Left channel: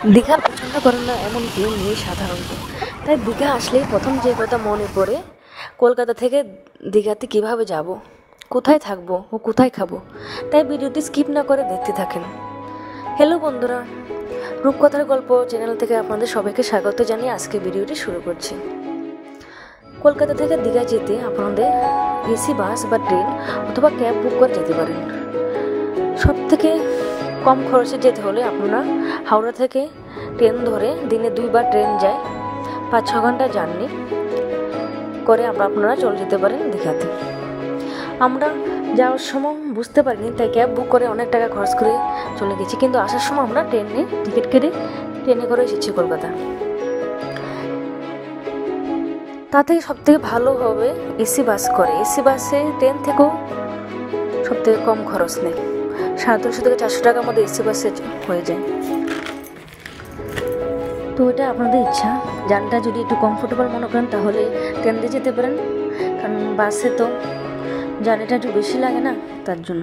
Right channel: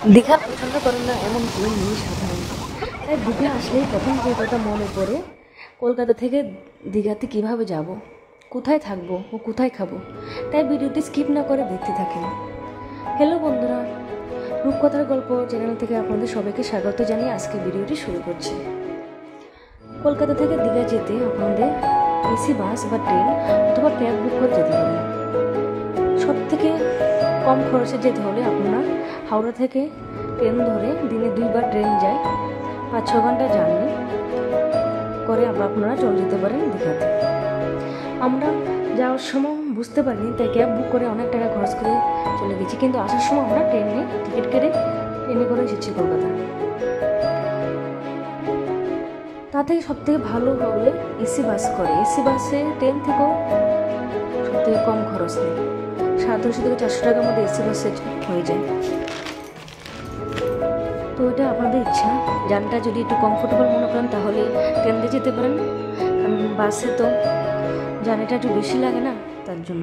দীঘা পছন্দ করেন না এমন কেউ নেই সাধারণত। তাই দীঘা আসলেই প্রথম যে কথা মনে পড়ে, কলকাতা থেকে দীঘাতে কিভাবে যাব, কোথায় থাকবো ও কোথায় খাবো। তাই ভিডিওটি স্কিপ না করে দেখতে থাকেন। হ্যালো বন্ধুরা, রূপকথার গল্প চ্যানেল থেকে আপনাদের সবাইকে স্বাগত জানিয়ে আজকে ভিডিওটি শুরু করছি। কলকাতা থেকে দীঘা যেতে আপনাদের এসি বাস বা ট্রেন অথবা ক্যাব বুক করে যেতে পারেন। সব থেকে কম খরচে যেতে হলে আপনারা হাওড়া থেকে ট্রেন ধরে দিনে 2বার ট্রেন যায়, 5-6 ঘন্টা জার্নি করে আপনারা চলে যেতে পারেন দীঘাতে। আমরা যাওয়ার সময় বুঝতে পারিনি, তাই ক্যাব বুক করে অনেক টাকা খরচ করে চলে গেছি, কিন্তু আসার সময় আমরা ট্রেনে টিকিট কেটে ট্রেনে করে এসেছি কলকাতা। তাতেই সবথেকে ভালো হবে এসি বাস করে। এসি বাসে ট্রেন থেকেও সবথেকে কম খরচ নেই, 350 থেকে 400 টাকার মধ্যে এসি বাসে হয়ে যায়। তো এটা আপনাদের ইচ্ছা, জার্নিটা যদি একটু কমফোর্টেবল মনে করেন তাহলে ট্রেন দিয়ে যেতে পারেন, কারণ বাসে তো জার্নিটা একটু বেশি লাগে না, তার জন্য।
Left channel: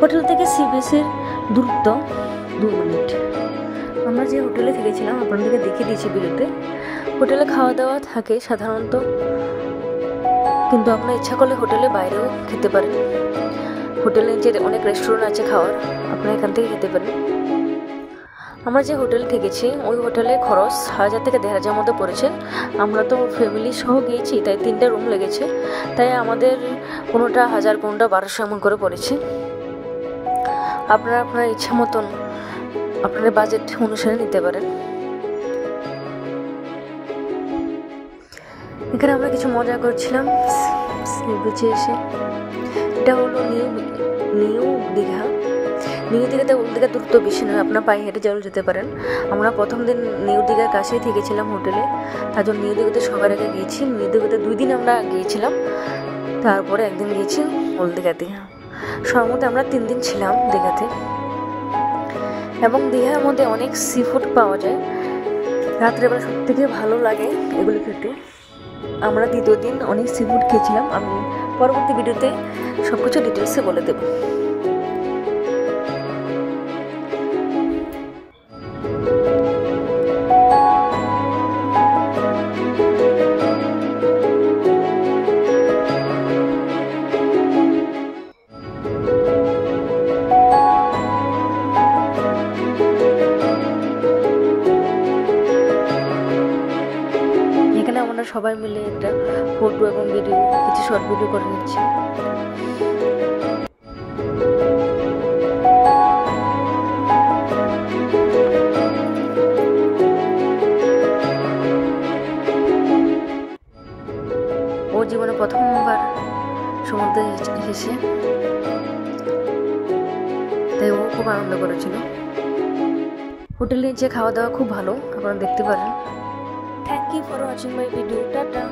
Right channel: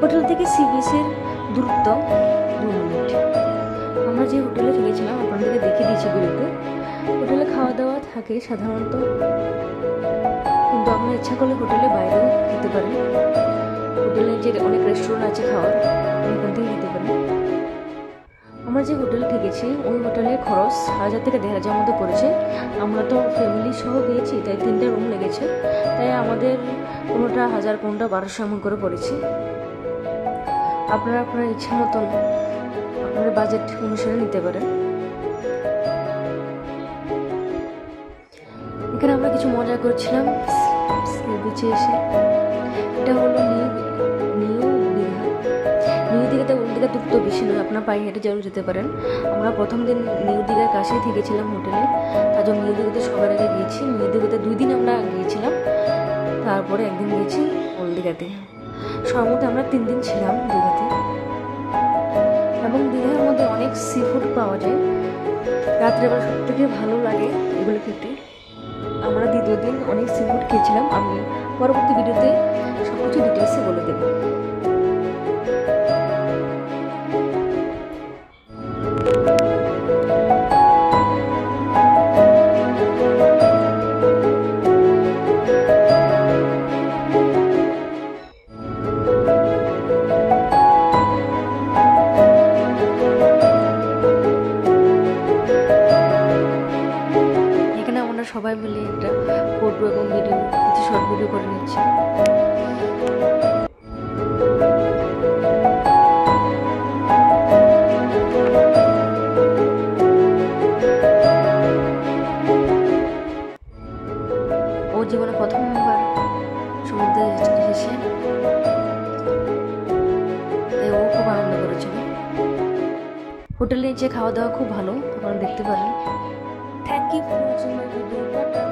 হোটেল থেকে সি বিচের দূরত্ব 2 মিনিট। আমরা যে হোটেলে থেকেছিলাম আপনাদেরকে দেখে দিয়েছি ভিডিওতে। হোটেলে খাওয়া দাওয়া থাকে সাধারণত, কিন্তু আপনার ইচ্ছা করলে হোটেলে বাইরেও খেতে পারেন। হোটেলে যে অনেক রেস্টুরেন্ট আছে খাওয়ার, আপনি এখান থেকে খেতে পারেন। আমরা যে হোটেলে থেকেছি ওই হোটেলে খরচ 1000 থেকে 1500 মধ্যে পড়েছে। আমরা তো ফ্যামিলি সহ গিয়েছি, তাই 3টা রুম লেগেছে, তাই আমাদের কোনোটা 1000, কোনোটা 1200 এমন করে পড়েছে। আপনারা আপনার ইচ্ছা মতন আপনাদের বাজেট অনুসারে নিতে পারেন। এখানে আমরা কিছু মজা করছিলাম সি বিচে এসে। এটা হলো নিউ দীঘা। নিউ দীঘাতে ওল্ড দীঘা দূরত্ব বেশি নয়, আপনার পায়ে হেঁটে যেতে পারেন। আমরা প্রথম দিন নিউ দীঘার কাছেই থেকেছিলাম হোটেলে, তার জন্য নিউ দীঘাতে সবার আগে গিয়েছি। নিউ দীঘাতে 2 দিন আমরা গিয়েছিলাম, তারপরে একদিন গিয়েছি ওল্ড দীঘাতে। সর্বমোট আমরা 3 দিন ছিলাম দীঘাতে। এবং দীঘার মধ্যে অনেক সি ফুড পাওয়া যায়, রাত্রেবেলা সব থেকে ভালো লাগে এগুলো খেতে। আমরা 2য় দিন অনেক সি ফুড খেয়েছিলাম, আমি পরবর্তী ভিডিওতে সব কিছু ডিটেলসে বলে দেব। এখানে আমরা সবাই মিলে একটা ফটো এবং ভিডিও, কিছু শর্ট ভিডিও করে নিচ্ছি। ও জীবনে প্রথমবার সমুদ্রে এসেছে, তাই ও খুব আনন্দ করেছিল। হোটেলে নিচে খাওয়া দাওয়া খুব ভালো, আপনারা দেখতে পারেন। Thank you for watching my video. Tata.